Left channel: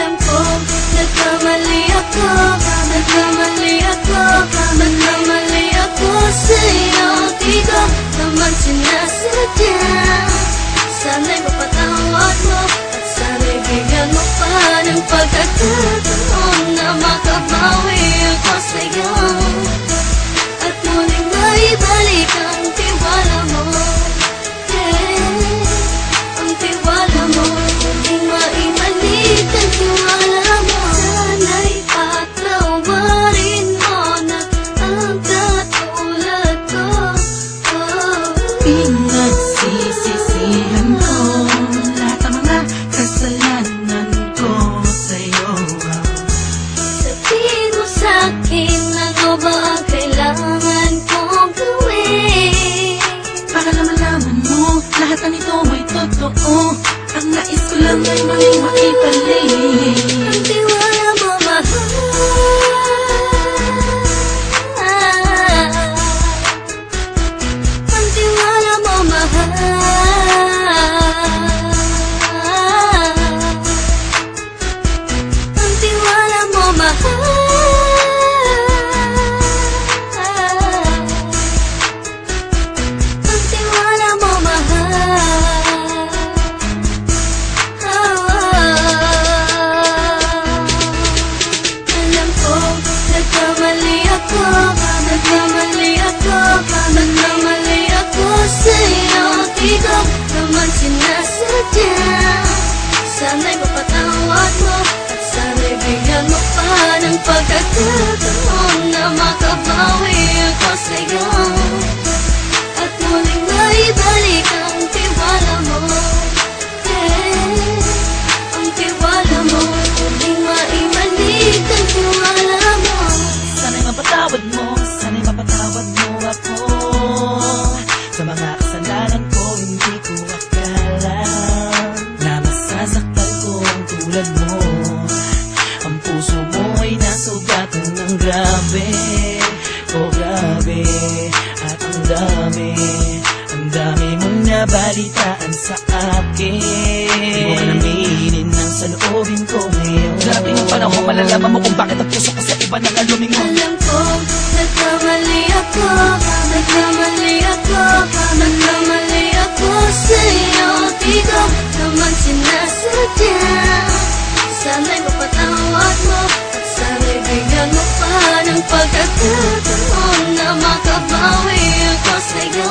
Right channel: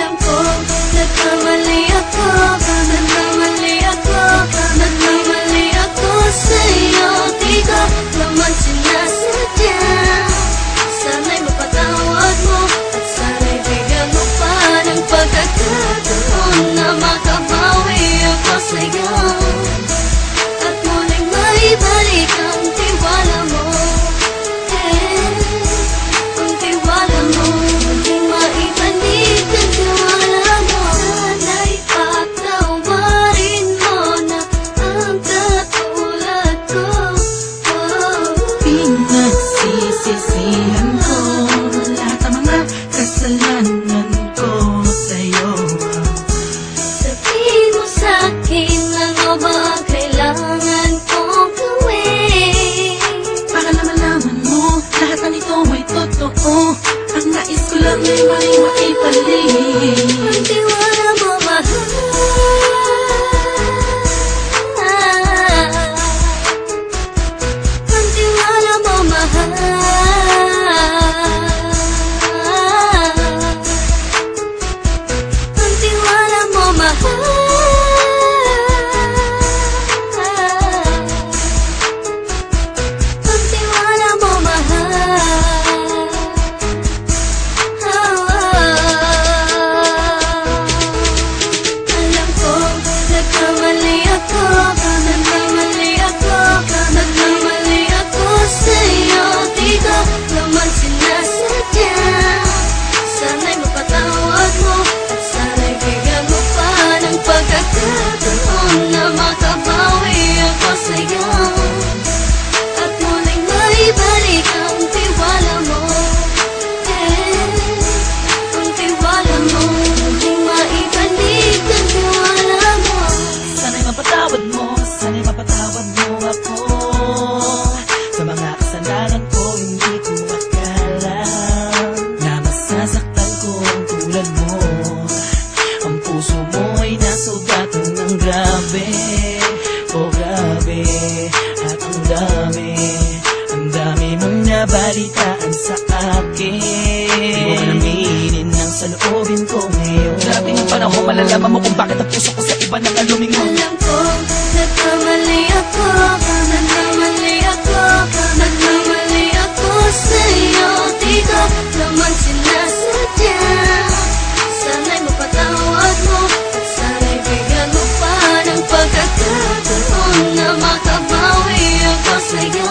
Alam ko, nagkamali ako, nagkamali ako, nagkamali ako sa'yo. Di ko naman sinasadya. Sana'y mapatawad mo at sana'y bigyan mo pa ng pagkakataon na makabawi ako sa'yo at muling maibalik ang tiwala mo. Ang tiwala mo, muling maibalik ang tiwala mo. Sana'y patawarin mo na ang katulad ko. Pinagsisisihan ko lahat ng mga kasalanan ko sa'yo. Sabihin mo sa'kin ano ba kailangan kong gawin Para malaman mo lahat na nito ay totoo. Ang nais ko lang ay maibalik ang tiwala mo, mahal. Ang tiwala mo, mahal. Ang tiwala mo, mahal. Ang tiwala mo, mahal. Alam ko, nagkamali ako, nagkamali ako, nagkamali ako sa'yo. Di ko naman sinasadya. Sana'y mapatawad mo at sana'y bigyan mo pa ng pagkakataon na makabawi ako sa'yo at muling maibalik ang tiwala mo. Ang tiwala mo, muling maibalik ang tiwala mo. Sana'y mapatawad mo, sana'y mapatawad mo ako sa mga kasalanan ko. Hindi ko akala na masasaktan ko ang tulad mo. Ang puso mo ay nasugatan ng grabe, oh grabe. At ang dami mong nabalitaan sa akin. Di mo alaminin ang saloobin ko ngayon. Grabe ng panahon, malalaman mo kung bakit ang puso ko sa iba nang aluming mo. Alam ko, nagkamali ako, nagkamali ako, nagkamali ako sa'yo. Di ko naman sinasadya. Sana'y mapatawad mo at sana'y bigyan mo pa ng pagkakataon na makabawi ako sa'yo